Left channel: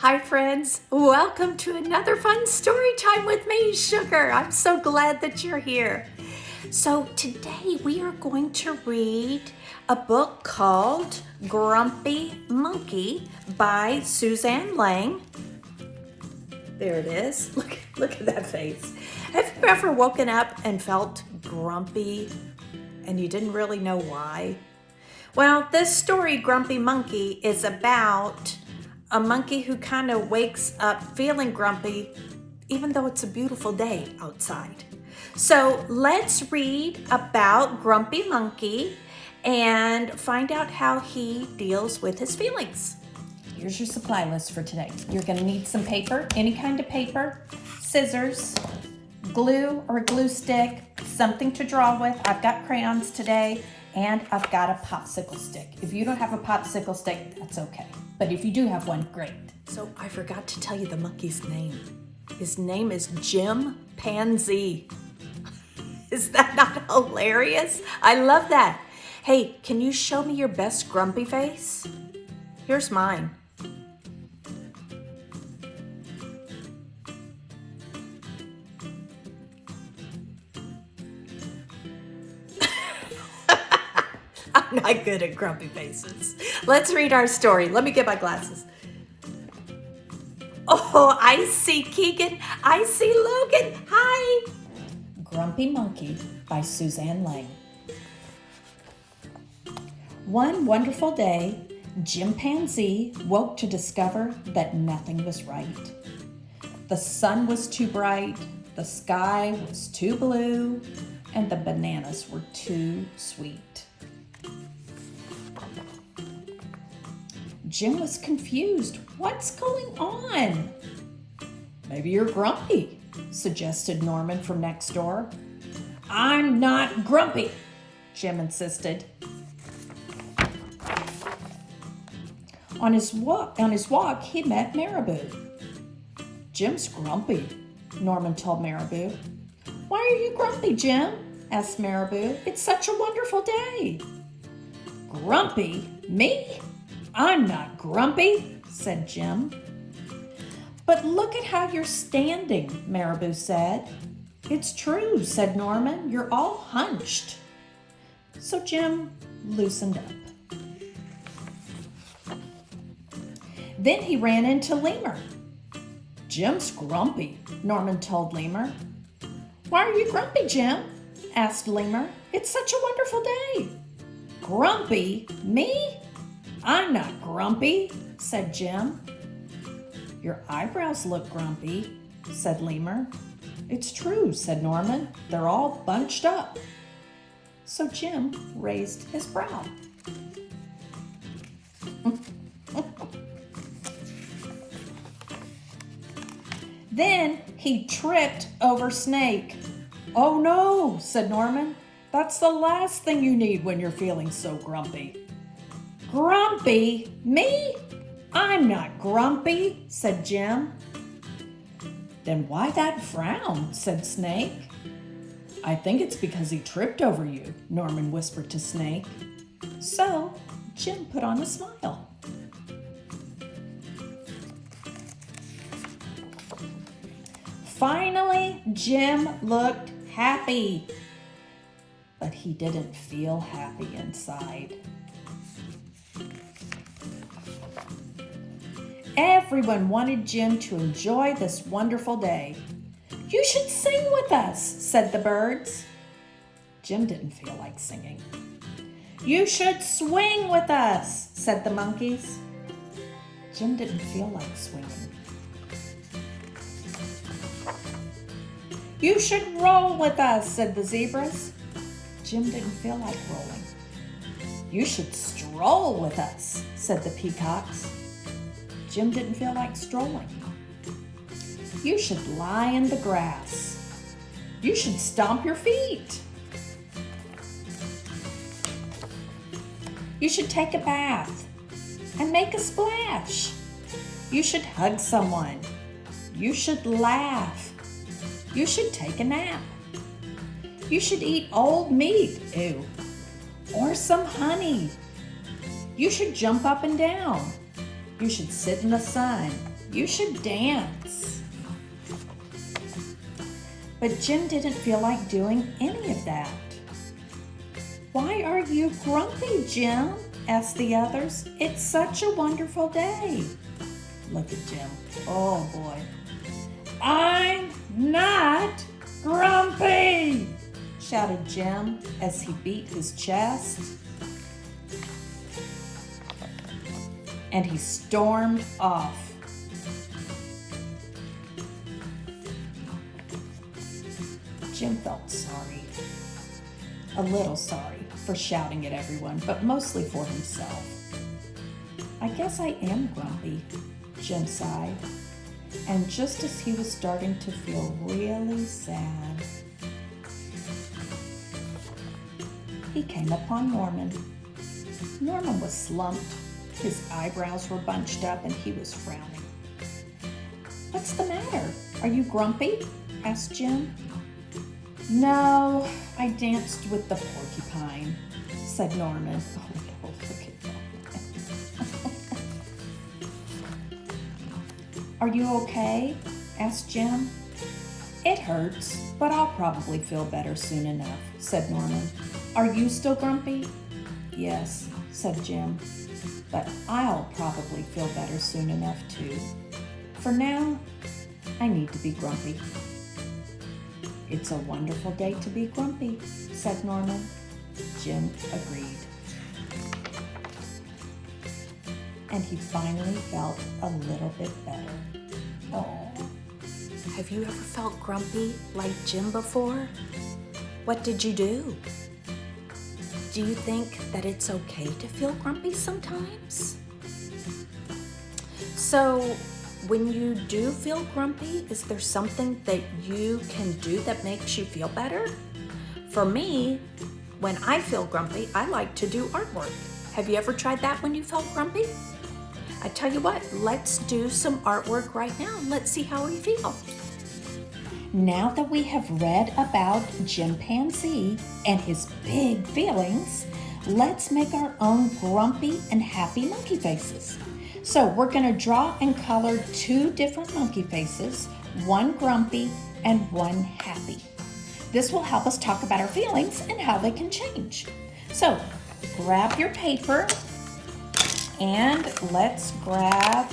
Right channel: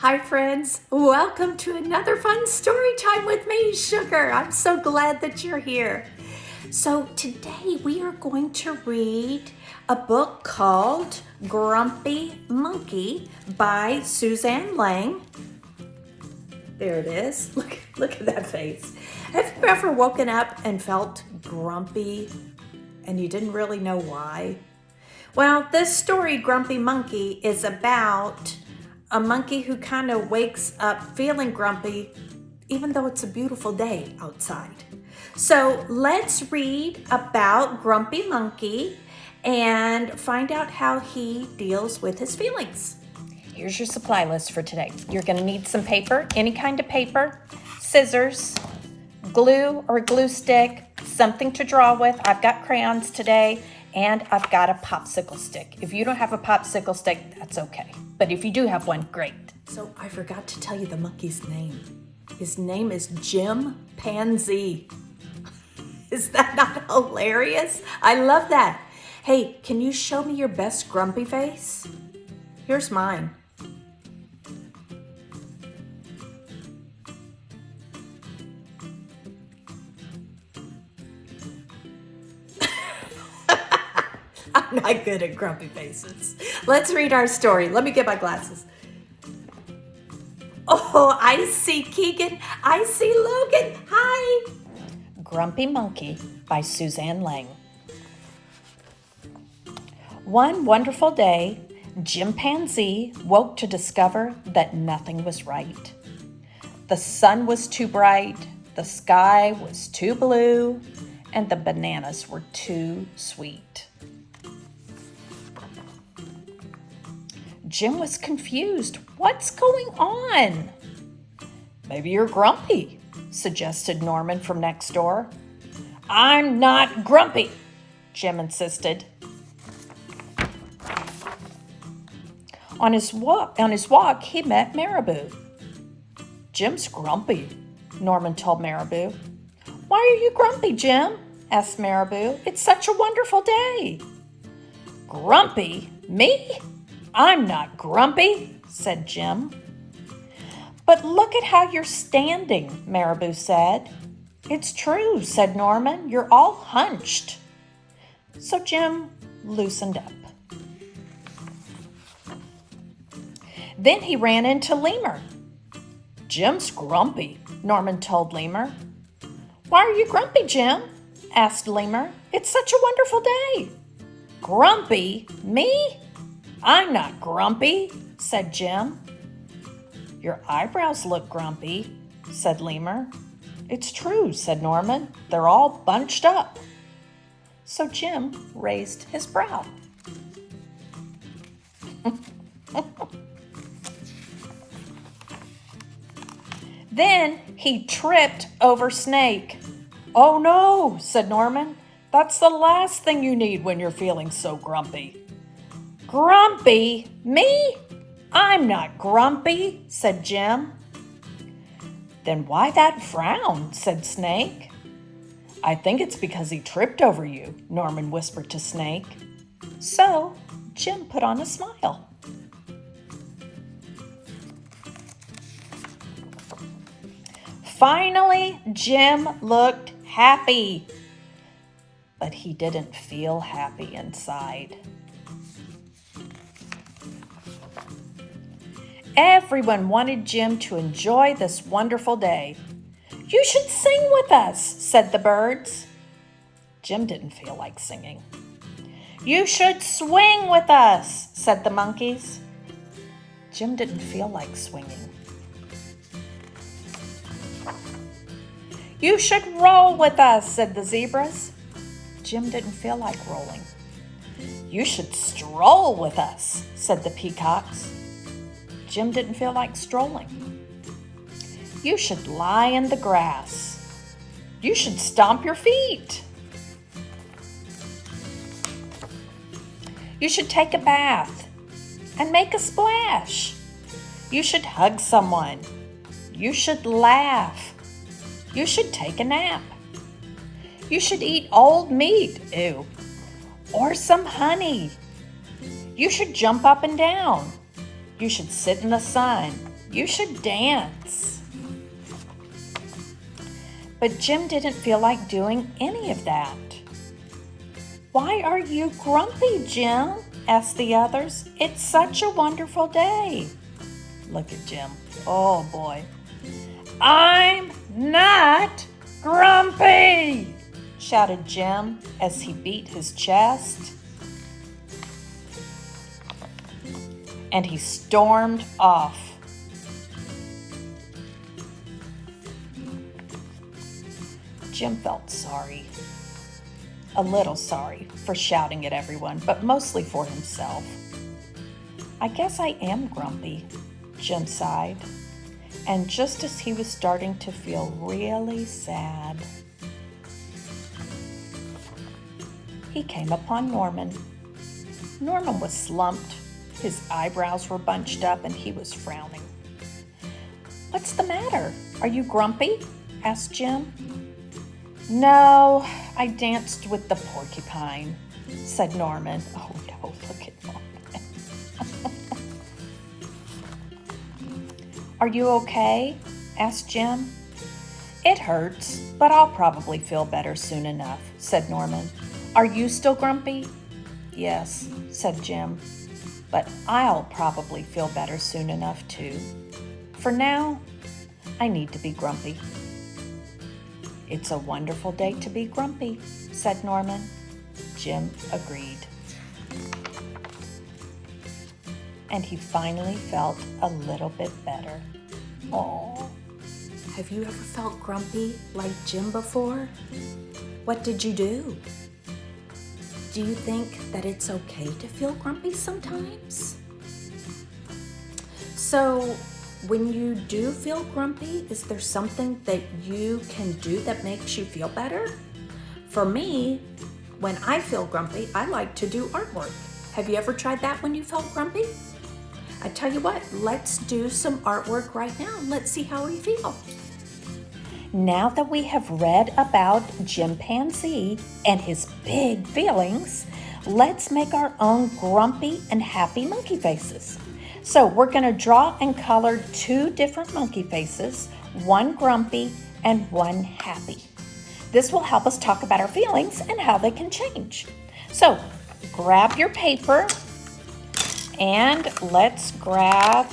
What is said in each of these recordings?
Hi friends, welcome to another fun story time with me, Sugar. I'm so glad that you're here. So today we are going to read a book called Grumpy Monkey by Suzanne Lang. There it is. Look at that face. Have you ever woken up and felt grumpy and you didn't really know why? Well, this story, Grumpy Monkey, is about a monkey who kind of wakes up feeling grumpy even though it's a beautiful day outside. So let's read about Grumpy Monkey and find out how he deals with his feelings. Here's your supply list for today. You're going to need some paper, any kind of paper, scissors, glue or glue stick, something to draw with. I've got crayons today, and I've got a popsicle stick. If you don't have a popsicle stick, that's okay. But if you do have one, great. So I forgot to tell you the monkey's name. His name is Jim Panzee. Is that not hilarious? I love that. Hey, can you show me your best grumpy face? Here's mine. I'm not good at grumpy faces. Let's read our story. Let me get my glasses. Oh, I see Keegan. I see Logan. Hi. Grumpy Monkey by Suzanne Lang. One wonderful day, Jim Panzee woke to discover that nothing was right. The sun was too bright, the sky was too blue, and the bananas were too sweet. Jim was confused. What's going on? Maybe you're grumpy, suggested Norman from next door. I'm not grumpy, Jim insisted. On his walk, he met Marabou. Jim's grumpy, Norman told Marabou. Why are you grumpy, Jim? Asked Marabou. It's such a wonderful day. Grumpy? Me? I'm not grumpy, said Jim. But look at how you're standing, Marabou said. It's true, said Norman. You're all hunched. So Jim loosened up. Then he ran into Lemur. Jim's grumpy, Norman told Lemur. Why are you grumpy, Jim? Asked Lemur. It's such a wonderful day. Grumpy? Me? I'm not grumpy, said Jim. Your eyebrows look grumpy, said Lemur. It's true, said Norman. They're all bunched up. So Jim raised his brow. Then he tripped over Snake. Oh no, said Norman. That's the last thing you need when you're feeling so grumpy. Grumpy? Me? I'm not grumpy, said Jim. Then why that frown, said Snake. I think it's because he tripped over you, Norman whispered to Snake. So Jim put on a smile. Finally, Jim looked happy, but he didn't feel happy inside. Everyone wanted Jim to enjoy this wonderful day. You should sing with us, said the birds. Jim didn't feel like singing. You should swing with us, said the monkeys. Jim didn't feel like swinging. You should roll with us, said the zebras. Jim didn't feel like rolling. You should stroll with us, said the peacocks. Jim didn't feel like strolling. You should lie in the grass. You should stomp your feet. You should take a bath and make a splash. You should hug someone. You should laugh. You should take a nap. You should eat old meat, ew, or some honey. You should jump up and down. You should sit in the sun. You should dance. But Jim didn't feel like doing any of that. Why are you grumpy, Jim? Asked the others. It's such a wonderful day. Look at Jim. Oh boy. I'm not grumpy, shouted Jim as he beat his chest. And he stormed off. Jim felt sorry, a little sorry for shouting at everyone, but mostly for himself. I guess I am grumpy, Jim sighed. And just as he was starting to feel really sad, he came upon Norman. Norman was slumped. His eyebrows were bunched up and he was frowning. What's the matter? Are you grumpy? Asked Jim. No, I danced with the porcupine, said Norman. Oh no, look at Norman. Are you okay? Asked Jim. It hurts, but I'll probably feel better soon enough, said Norman. Are you still grumpy? Yes, said Jim, but I'll probably feel better soon enough too. For now, I need to be grumpy. It's a wonderful day to be grumpy, said Norman. Jim agreed. And he finally felt a little bit better. Oh. Have you ever felt grumpy like Jim before? What did you do? Do you think that it's okay to feel grumpy sometimes? So, when you do feel grumpy, is there something that you can do that makes you feel better? For me, when I feel grumpy, I like to do artwork. Have you ever tried that when you felt grumpy? I tell you what, let's do some artwork right now. Let's see how we feel. Now that we have read about Jim Panzee and his big feelings, let's make our own grumpy and happy monkey faces. So we're going to draw and color 2 different monkey faces, one grumpy and one happy. This will help us talk about our feelings and how they can change. So grab your paper and let's grab,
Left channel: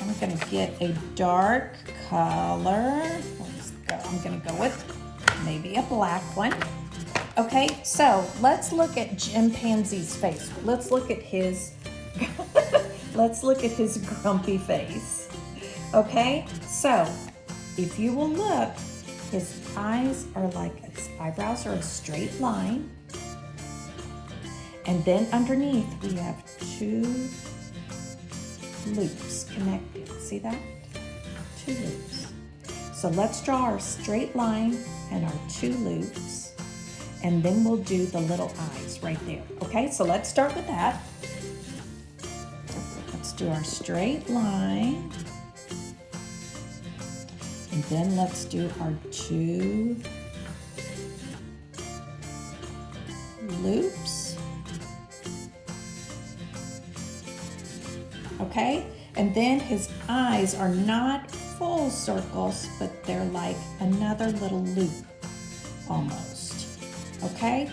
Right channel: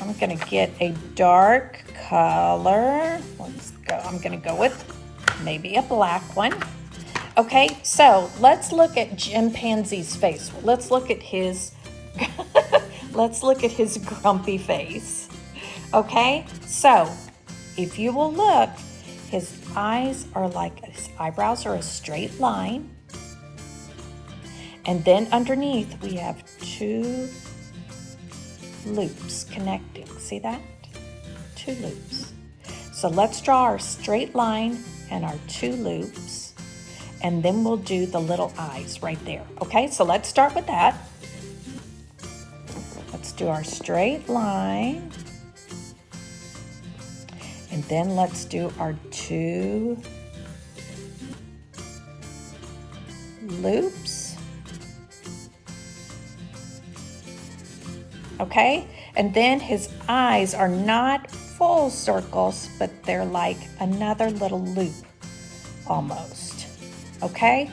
I'm going to get a dark color. Let's go. I'm going to go with maybe a black one. Okay, so let's look at Jim Panzee's face. Let's look at his grumpy face. Okay, so if you will look, his eyes are like, his eyebrows are a straight line. And then underneath we have 2 loops connecting. See that? 2 loops. So let's draw our straight line and our 2 loops, and then we'll do the little eyes right there. Okay, so let's start with that. Let's do our straight line, and then let's do our 2 loops. Okay, and then his eyes are not full circles, but they're like another little loop almost. Okay,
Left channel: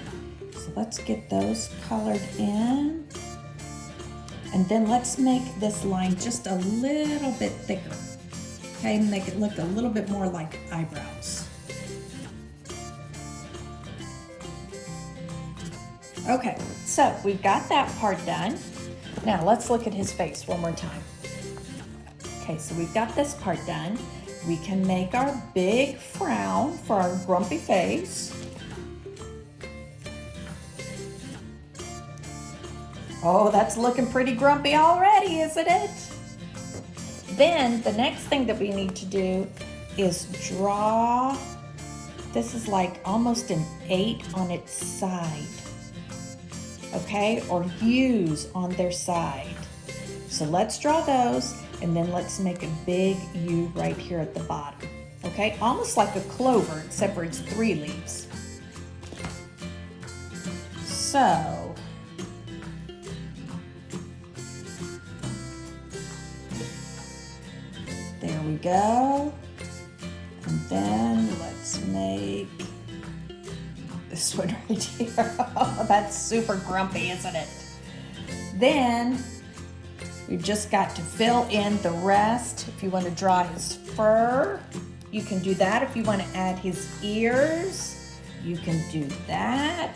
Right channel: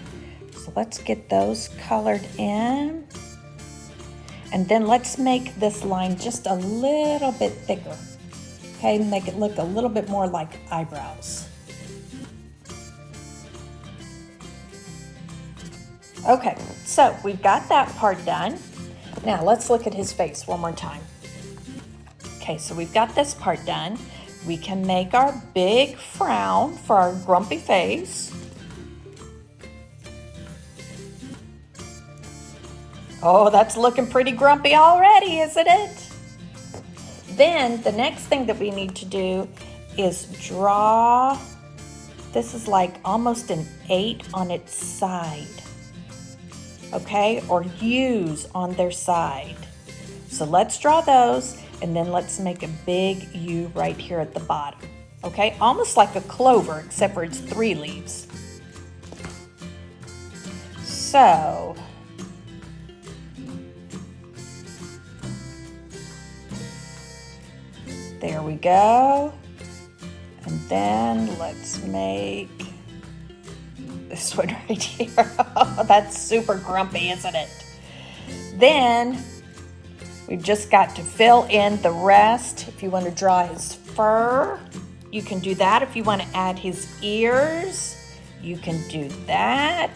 so let's get those colored in, and then let's make this line just a little bit thicker. Okay, make it look a little bit more like eyebrows. Okay, so we've got that part done. Now let's look at his face one more time. Okay, so we've got this part done. We can make our big frown for our grumpy face. Oh, that's looking pretty grumpy already, isn't it? Then the next thing that we need to do is draw, this is like almost an 8 on its side. Okay, or U's on their side. So let's draw those, and then let's make a big U right here at the bottom. Okay, almost like a clover, except for it's 3 leaves. So There we go. And then let's make this one right here. Oh, that's super grumpy, isn't it? Then we've just got to fill in the rest. If you want to draw his fur, you can do that. If you want to add his ears, you can do that.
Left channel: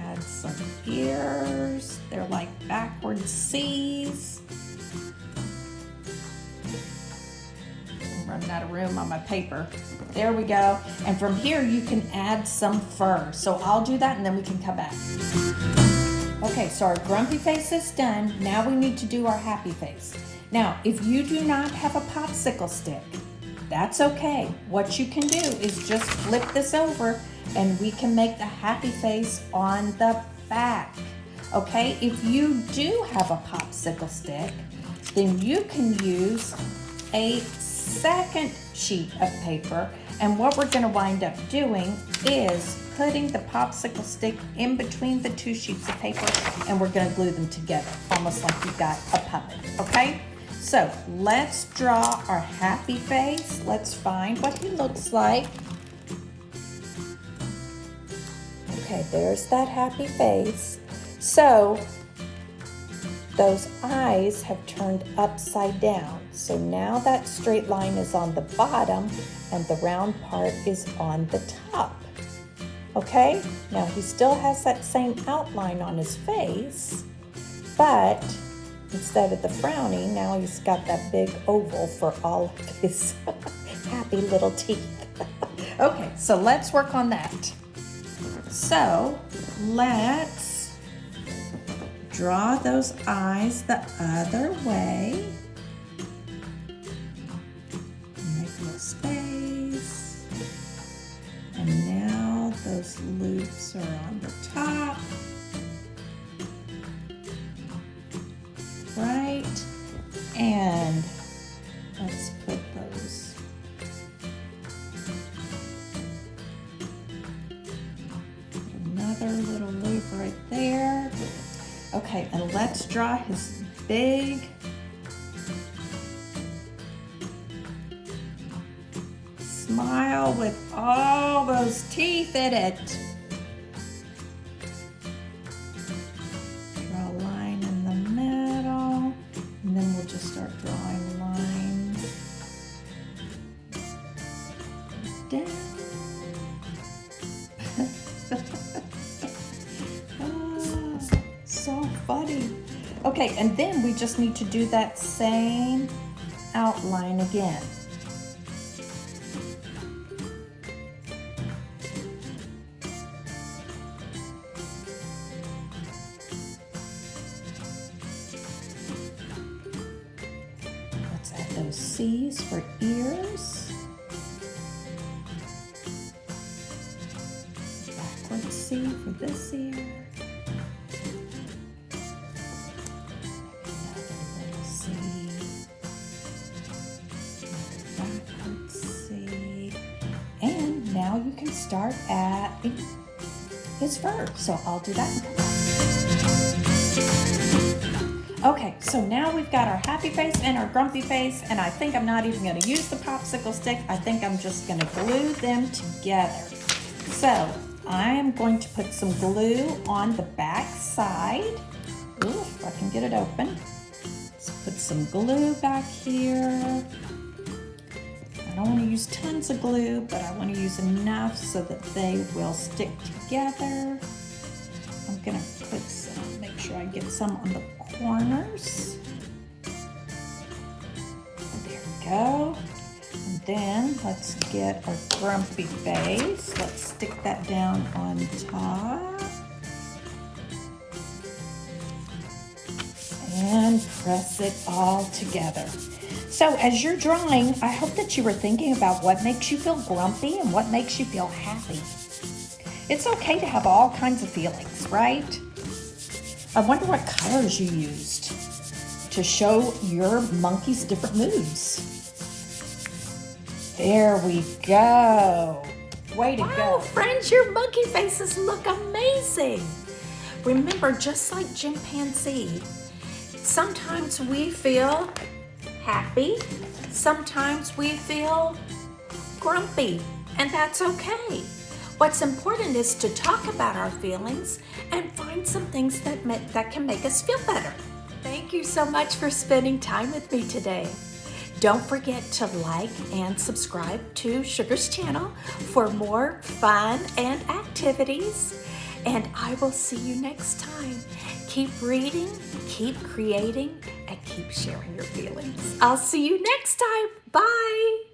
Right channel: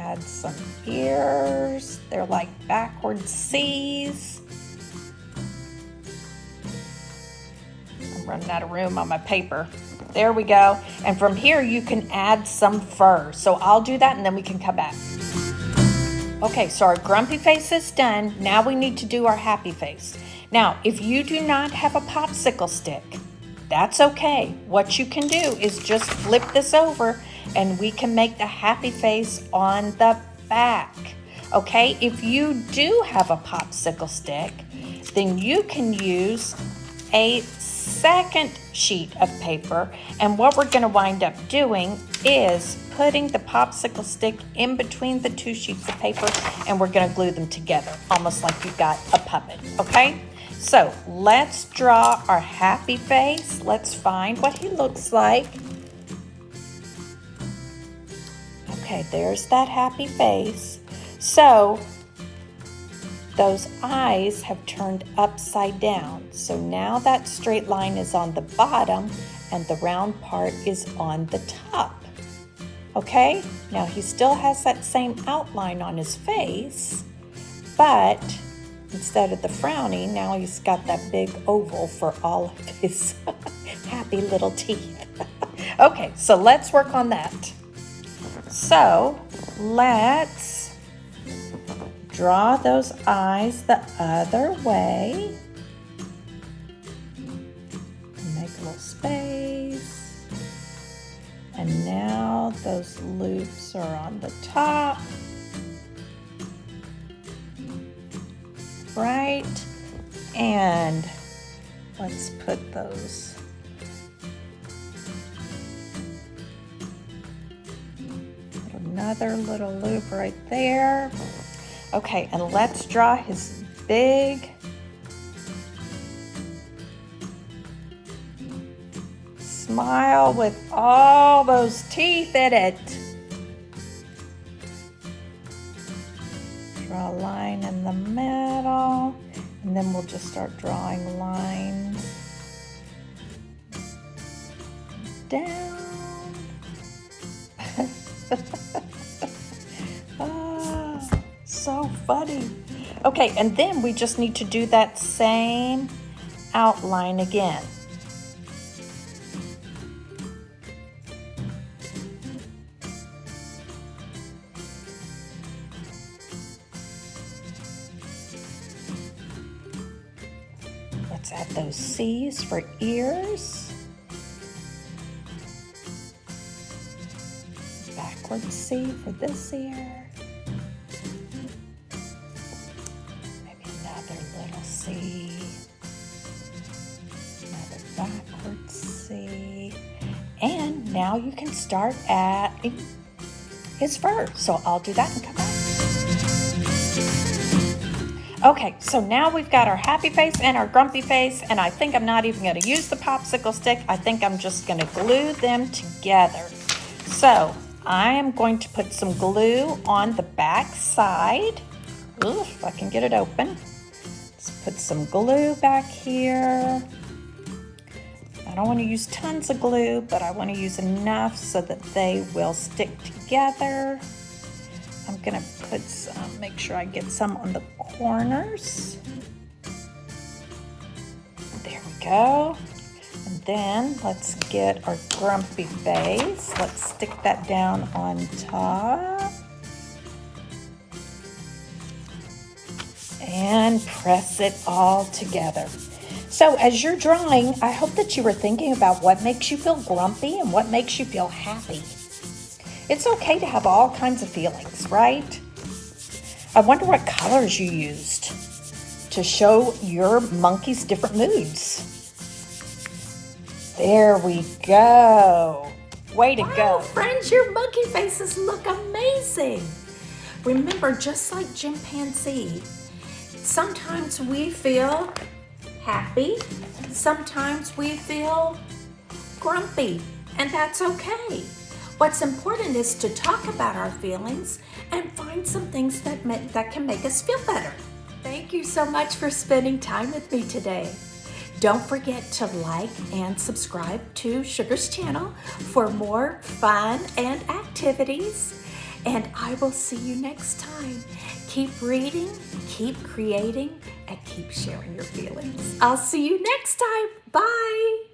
Add some ears. They're like backwards C's. I'm running out of room on my paper. There we go. And from here you can add some fur. So I'll do that and then we can come back. Okay, so our grumpy face is done. Now we need to do our happy face. Now, if you do not have a popsicle stick, that's okay. What you can do is just flip this over and we can make the happy face on the back. Okay, if you do have a popsicle stick, then you can use a second sheet of paper, and what we're going to wind up doing is putting the popsicle stick in between the two sheets of paper, and we're going to glue them together almost like you've got a puppet. Okay, so let's draw our happy face. Let's find what he looks like. Okay, there's that happy face. So those eyes have turned upside down. So now that straight line is on the bottom and the round part is on the top. Okay, now he still has that same outline on his face, but instead of the frowning, now he's got that big oval for all of his happy little teeth. Okay, so let's work on that. So let's draw those eyes the other way. Make a little space. And now those loops are on the top. Right? And let's put those another little loop right there. Okay, and let's draw his big smile with all those teeth in it. Draw a line in the middle, and then we'll just start drawing lines down. So funny. Okay, and then we just need to do that same outline again. Let's add those C's for ears. Backward C for this ear. Now you can start adding his fur. So I'll do that and come back. Okay, so now we've got our happy face and our grumpy face, and I think I'm not even going to use the popsicle stick. I think I'm just going to glue them together. So I am going to put some glue on the back side. Ooh, if I can get it open. Let's put some glue back here. I don't want to use tons of glue, but I want to use enough so that they will stick together. I'm going to put some, make sure I get some on the corners. There we go. And then let's get our grumpy face. Let's stick that down on top. And press it all together. So as you're drawing, I hope that you were thinking about what makes you feel grumpy and what makes you feel happy. It's okay to have all kinds of feelings, right? I wonder what colors you used to show your monkey's different moods. There we go. Way to go. Wow, friends, your monkey faces look amazing. Remember, just like Jim Panzee, sometimes we feel happy. Sometimes we feel grumpy, and that's okay. What's important is to talk about our feelings and find some things that can make us feel better. Thank you so much for spending time with me today. Don't forget to like and subscribe to Sugar's channel for more fun and activities. And I will see you next time. Keep reading, keep creating, and keep sharing your feelings. I'll see you next time. Bye.